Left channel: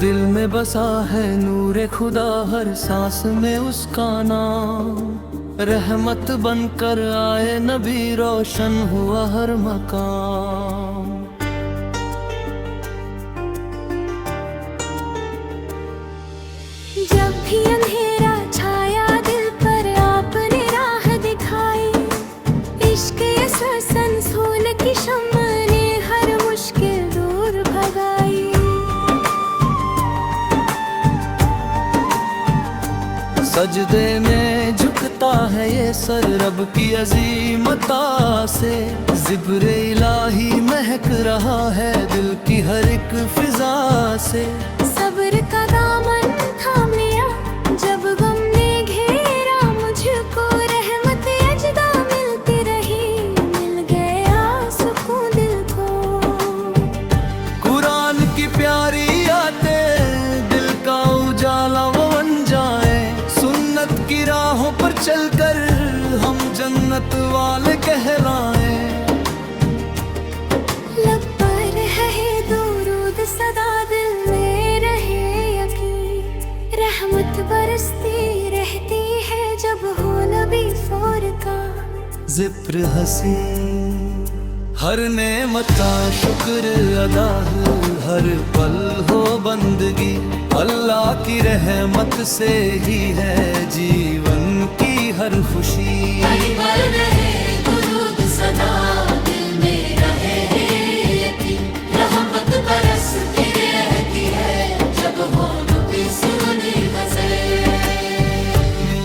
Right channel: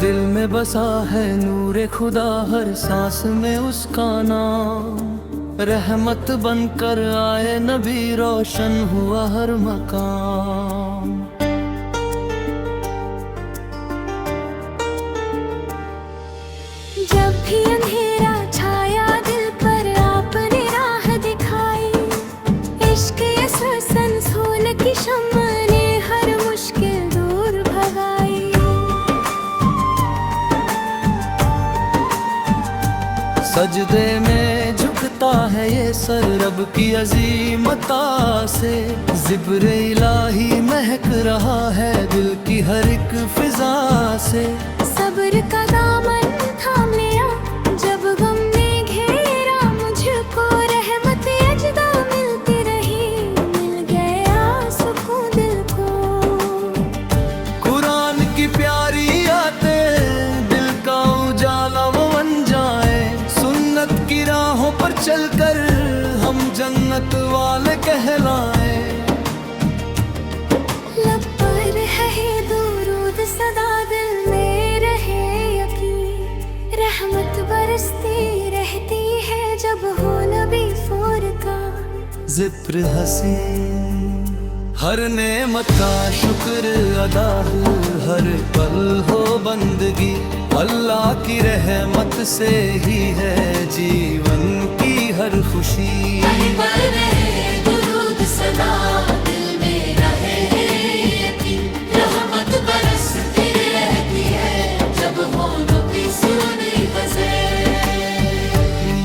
दिल में बसा है नूरे खुदा, हर सांस में उसका नाम। रहमत बनकर आए नबी, रोशन हुआ हर मकाम। जब भी अंधेरा छाया दिल पर, आपने राह दिखाई। इश्क सन सोल की शम्मा ने हर मुश्किल दूर भगाई। सजदे में झुकता है ये सर रब की अजीमता से। ज़िब्र इलाही महक रहा है दिल की हर एक फिजा से। सब्र का दामन थाम लिया जब गम ने घेरा मुझको, रहमत अजदा मिलती रही, मिल गया सुकून दिल को। कुरान की प्यारी आते दिल का उजाला वो बन जाए। सुन्नत की राहों पर चलकर हम जन्नत वाले कहलाए। लब पर है दुरूद सदा, दिल में रहे यकीन। रहमत बरसती रहती है जब हो नबी फोर का। ज़िक्र हसीन हर नेमत का शुक्र अदा, हर पल हो बंदगी। अल्लाह की रहमत से ही है जीवन की हर खुशी।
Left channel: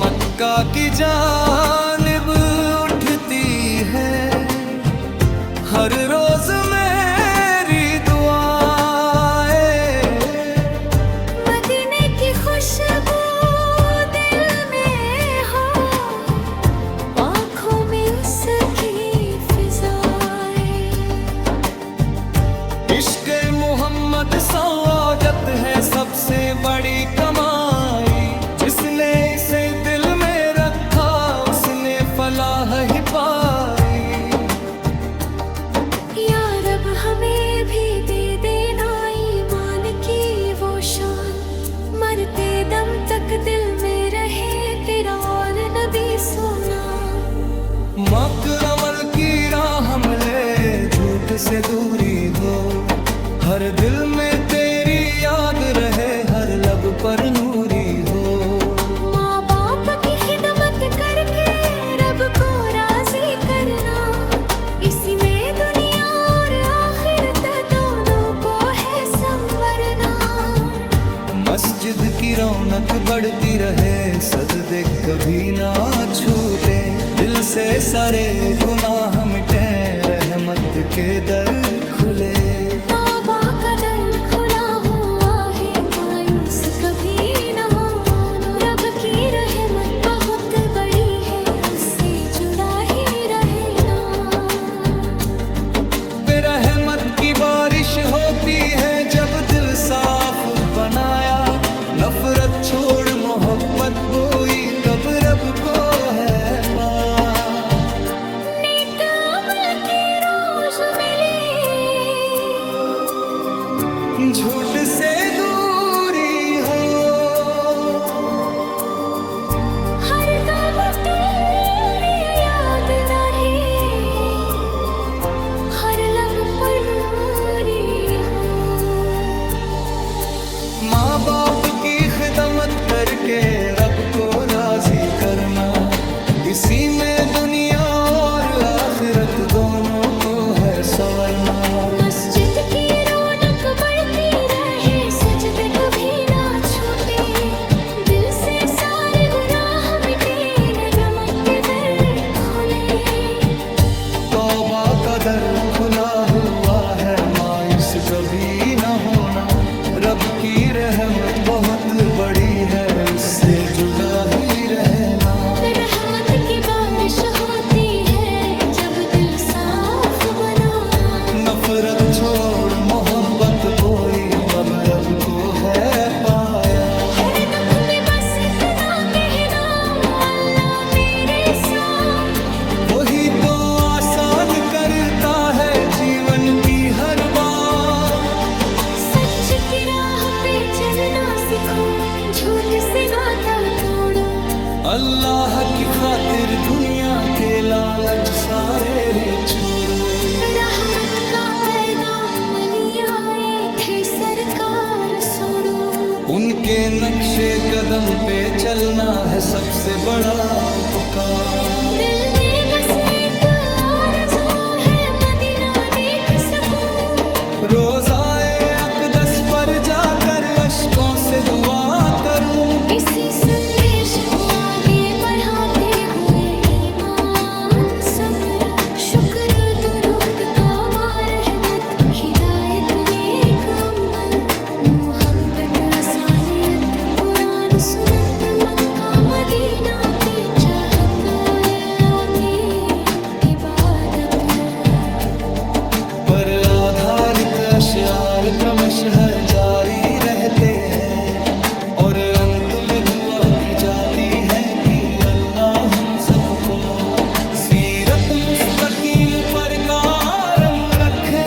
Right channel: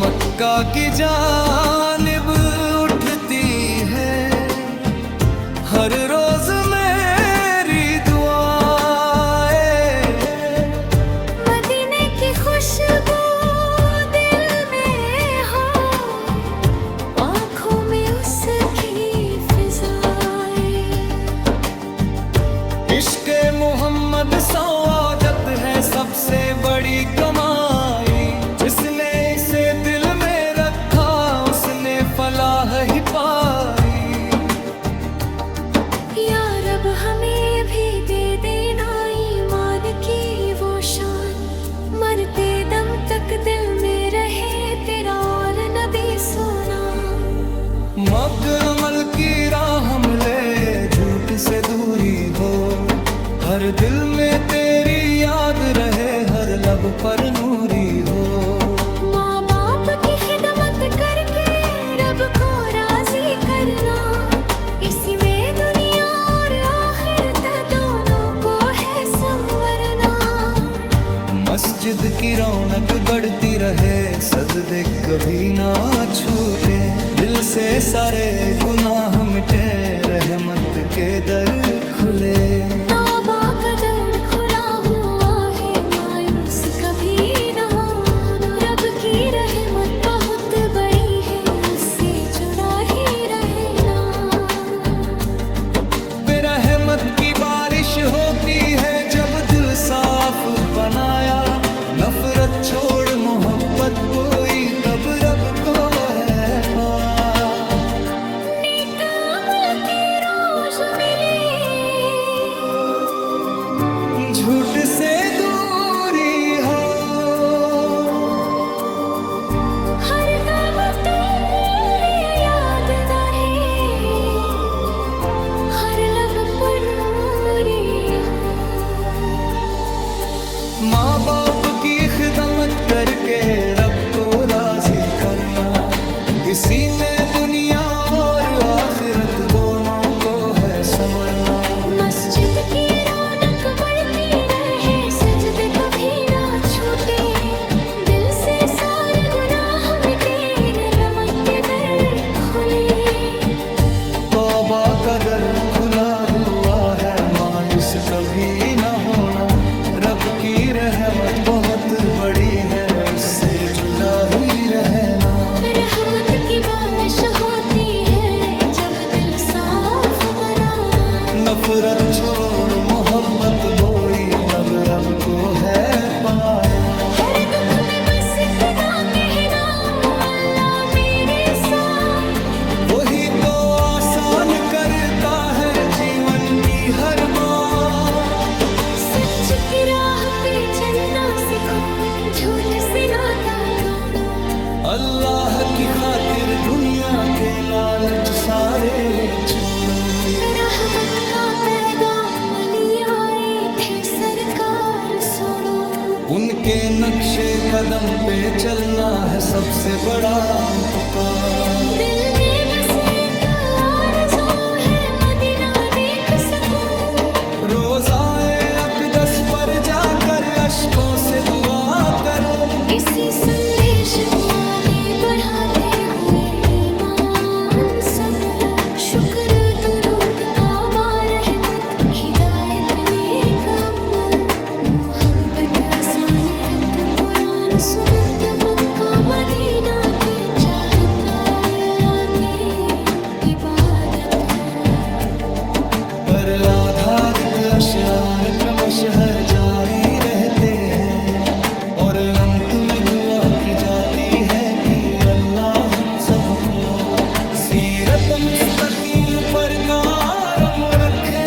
मक्का की जानिब उठती है हर रोज मेरी दुआएं। मदीने की खुशबू दिल में हो, आँखों में उसकी फिजाएं। इश्क़ मोहम्मद सआदत है सबसे बड़ी कमाई। जिसने इसे दिल में रखा उसने फलाह ही पाई। या रब हमें भी दे देना ईमान की वो शान, मरते दम तक दिल में रहे तेरा और नबी सोना। मक अमल की राह हमले झूठ से दूरी हो, हर दिल में तेरी याद रहे, हर लब पर नूरी हो। माँ बाप की खिदमत करके रब को राजी करना, इसी में दुनिया और आखिरत दोनों को है संवरना। मस्जिद की रौनक बढ़ती रहे, सजदे कभी ना छूटे। दिल से सारे गुनाह मिटे, रहमत के दर खुले। तौबा का दर खुला हुआ है, मायूस कभी न होना। रब की रहमत बहुत बड़ी है, उससे जुड़ा ही रहना। रहमत की बारिश होती है जब दिल साफ बनाया। नफरत छोड़ मोहब्बत बोई तब रब को है पार। नेक अमल की रोज मिले, झूठ से दूरी हो, हर दम तेरी याद रहे, हर लब पर नूरी हो। माँ बाप की खिदमत करके रब को राजी करना, इसी में दुनिया और आखिरत दोनों को है संवरना। मस्जिद की रौनक बढ़ती रहे, सजदे कभी ना छूटे। दिल से सारे गुनाह मिटे, रहमत के दर खुले। तौबा का दर खुला हुआ है, मायूस कभी न होना। रब की रहमत बहुत बड़ी है, उससे जुड़ा ही रहना। रहमत की बारिश होती है जब दिल साफ बनाना। नफरत छोड़ मोहब्बत बोई तब रब को है पाया। हर दुख में बस इतना कहना, अल्लाह मेरे साथ। वही तो आसान करता है जीवन की हर बात। सच की राह पे चलना सीखो, झूठ से नाता तोड़ो। अल्लाह की खातिर दुनिया के लालच सारे छोड़ो। रहमत का पैगाम लिया आए थे सरकार छोड़ो। उनके नक्शे कदम पे चलना है सबसे बड़ा उपकार। दिल में बस एक आरज़ू है मदीना देख सकूं। रोज़ाए अक़दस पर जाकर अश्कों से दुआ करूं। इसी संदेश को आगे बढ़ाते हुए ईमान सब्र शुक्र दुरूद तौबा रहमत हिदायत नेक अमल मोहब्बत आसानियत कुरान सुन्नत मक्का मदीना की चाहत और अल्लाह की इबादत पर आधारित अशआर क्रमशः जारी रहते हैं और अंत में दुआ की जाती है कि अल्लाह हम सबको सीरत मुस्तकीम पर कारम रखे।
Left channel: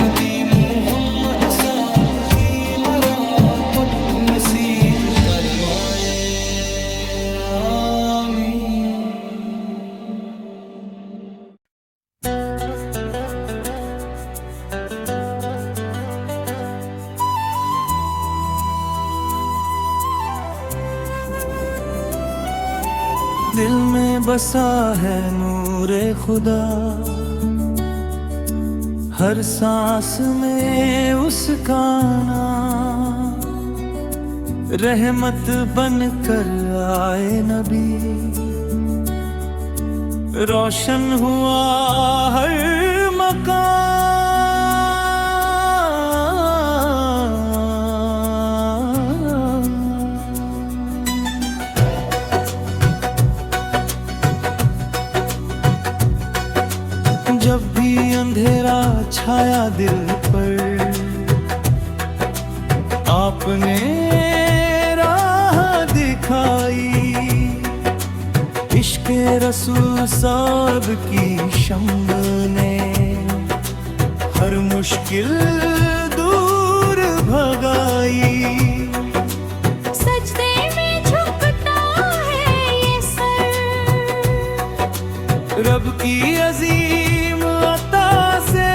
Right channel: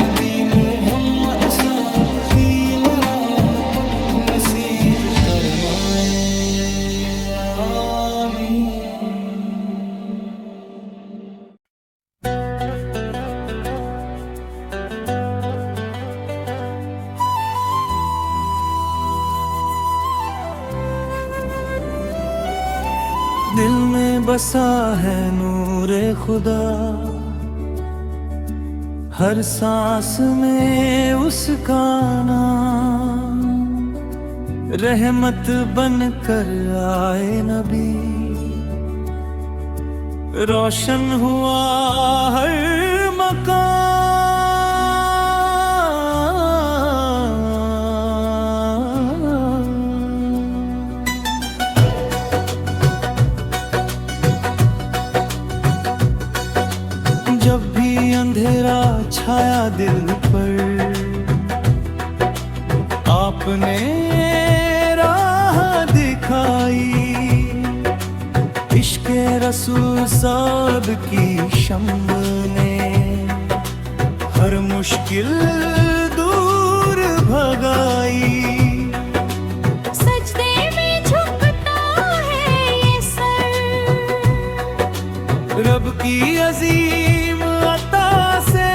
नबी मुहम्मद साहब की मराफत नसीब फरमाए, आमीन। दिल में बसा है नूरे खुदा, हर सांस में उसका नाम। रहमत बन कर आए नबी, रोशन हुआ हर मकान। जब भी अंधेरा छाया दिल पर, आपने राह दिखाई। इश्क़े रसूल साहब की शम्म ने हर मुश्किल दूर भगाई। सजदे में झुकता है ये सर, रब की अजीम अता से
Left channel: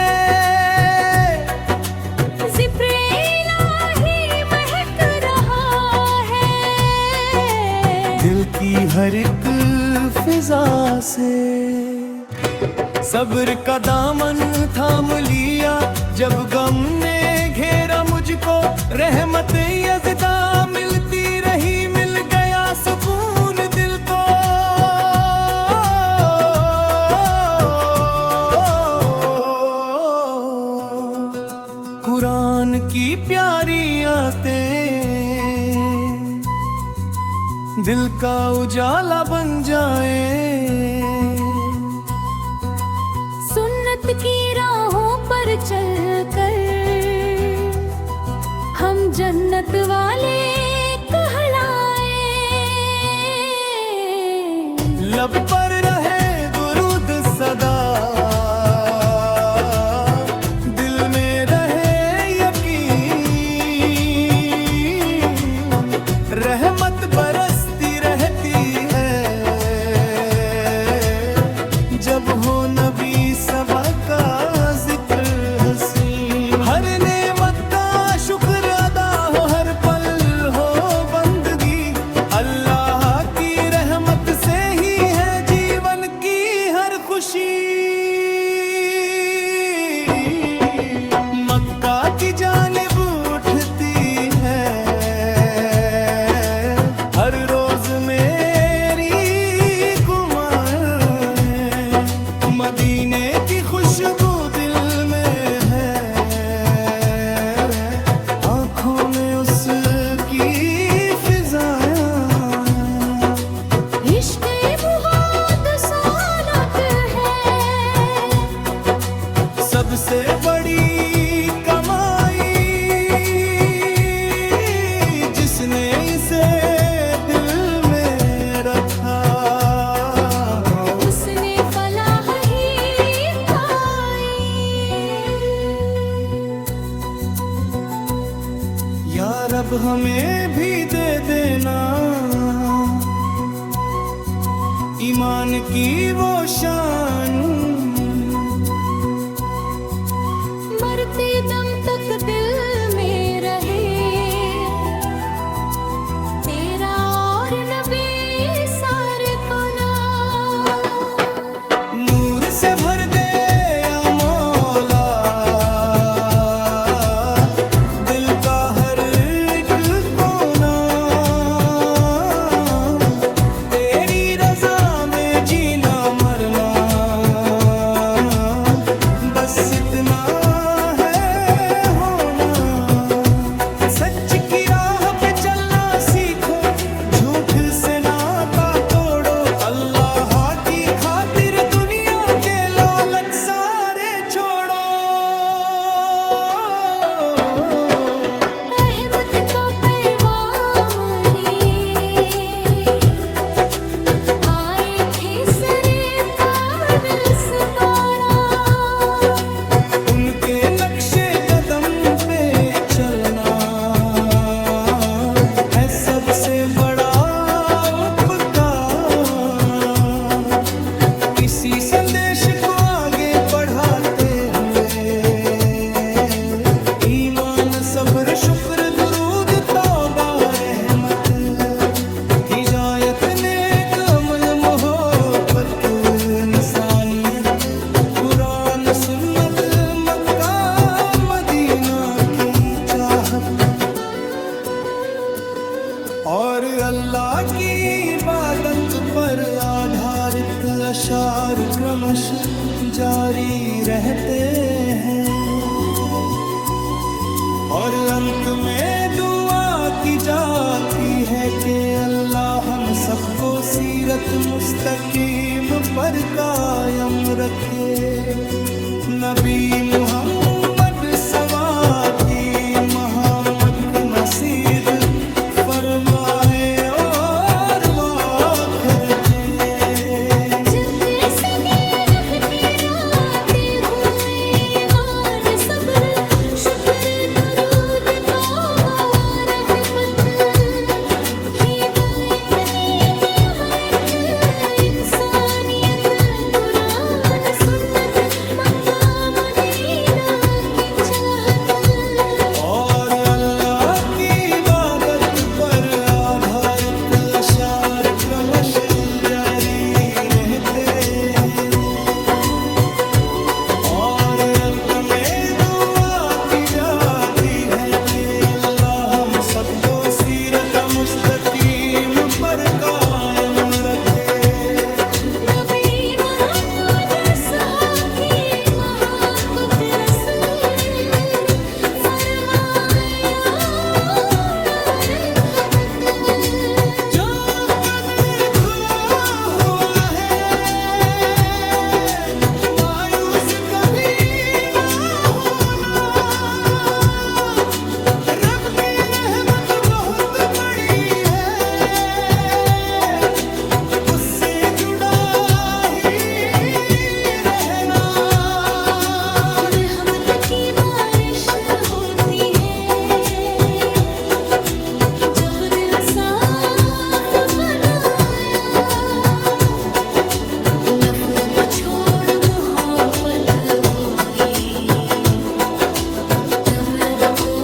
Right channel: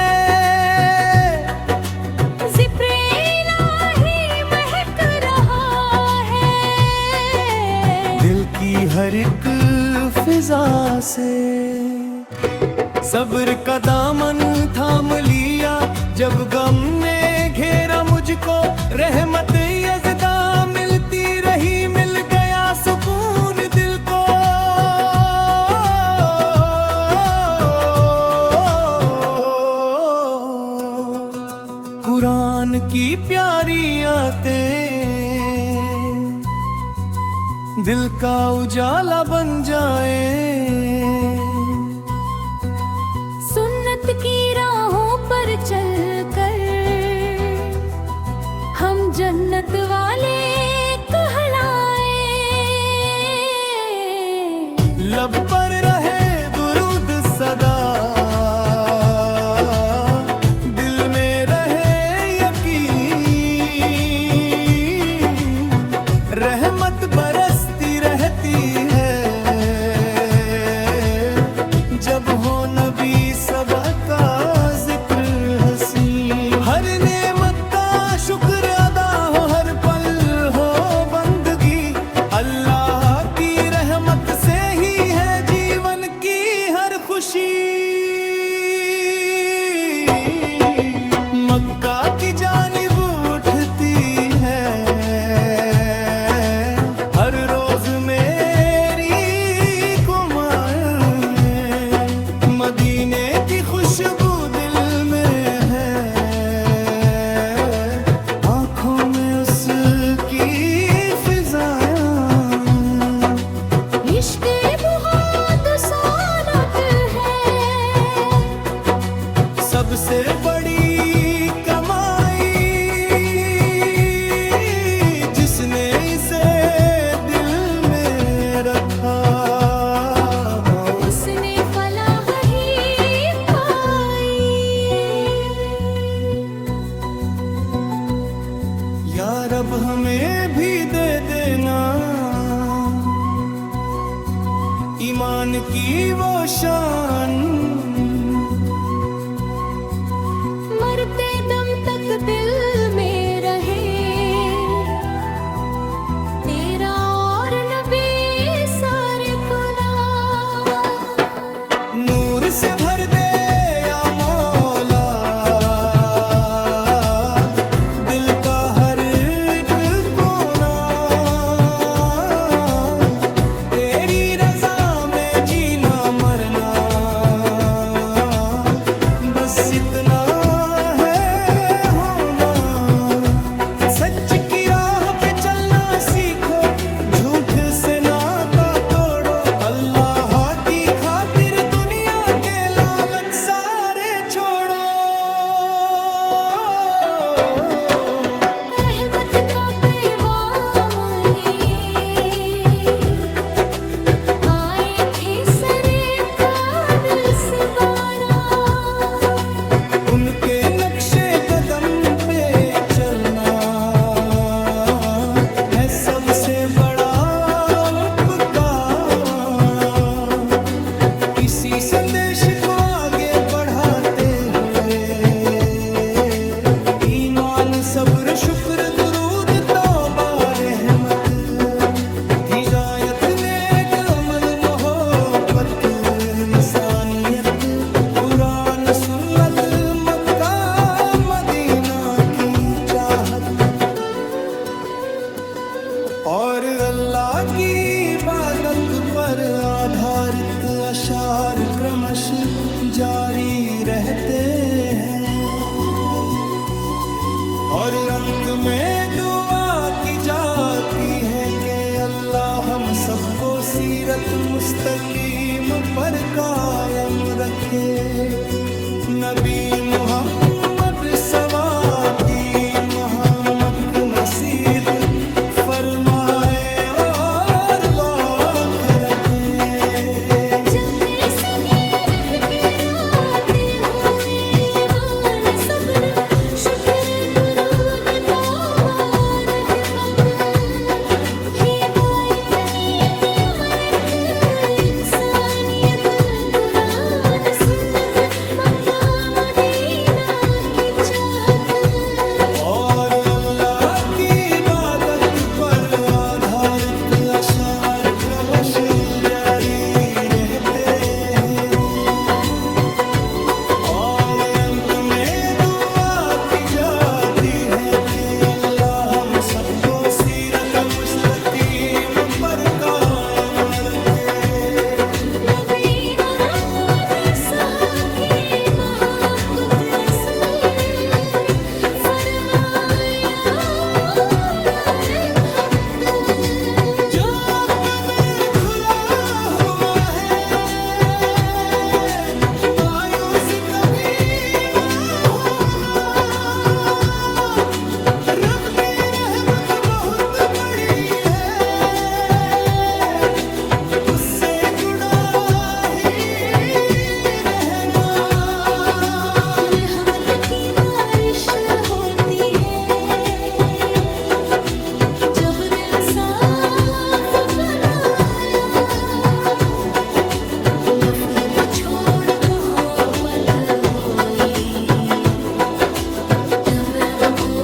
ज़िक्र इलाही महक रहा है। दिल की हर एक फिजा से सब्र का दामन थाम लिया। जब गम ने घेरा मुझको, रहमत यज़दा मिलती रही। मिल गया सुकून दिल को, कुरान की प्यारी आयतें दिल का उजाला बन जाए। सुन्नत की राहों पर चल कर हम जन्नत वाले कहलाए। लब पर रहे दुरूद सदा, दिल में रहे यकीन। रहमत बरसती रहती है जब हो नबी सबा का जिक्र हसीन। हर नेमत का शुक्र अदा हो, हर पल हो बंदगी। अल्लाह की रहमत से ही है जीवन की हर खुशी। मक्का की जानिब उठती है हर रोज मेरी कुमाएं। मदीने की खुशबू दिल में है, आँखों में उसकी फिजायां। इश्क़ बहुत सानत है, सबसे बड़ी कमाई जिसने इसे दिल में रखा, उसने फलाह ही पाई। अब हमें भी दे देना ईमान की वो शान। मरते दम तक दिल में रहे तेरा और नबी सारे पना। नूर से भर दे या मौला दिल का हर एक कोना। तेरी रजा में जीना मरना बस इतना है होना। सच की राह पे चलना सीखो झूठ से नाता तोड़ो। अल्लाह की खातिर दुनिया के लालच सारे छोड़ो। रहमत का पैगाम लिए आए थे सरकार सुबाना। उनके नक्शे कदम पे चलना है सबसे बड़ा उपकार। इसी संदेश को आगे बढ़ाते हुए ईमान सब्र शुक्र दुरूद तौबा रहमत हिदायत नेक अमल मोहब्बत इंसानियत कुरान सुन्नत मक्का मदीना की चाहत और अल्लाह की इबादत पर आधारित अशार क्रमश जारी रहते हैं। और अंत में दुआ की जाती है कि अल्लाह हम सबको सीरत मुस्तकीम पर कायम रखे। नबी मुहम्मद सवाती मोहम्मद मसीद फरमाए और वाक रखे। जब से दिन फिक्राते हुए ईमान सब्र शुक्र दुरूद तौबा रहमत हिदायत नेक अमल इंसानियत कुरान सुन्नत मक्का मदीना की चाहत और अल्लाह की इबादत पर आधारित अशार क्रमश जारी रहते हैं। और अंत में दुआ की जाती है कि अल्लाह हम सबको सीरत मुस्तकीम पर कायम रखे। नबी मुहम्मद सहाकी महापुत्र रसूल फरमाया रे खबत जो कदर खुला हुआ है मायूस कभी ना होना। रब की रहमत बहुत बड़ी है उससे जुड़ा ही रहना। रहमत की बारिश होती है जब दिल साफ बनाया। नफरत छोड़ मोहब्बत बोई तब रब को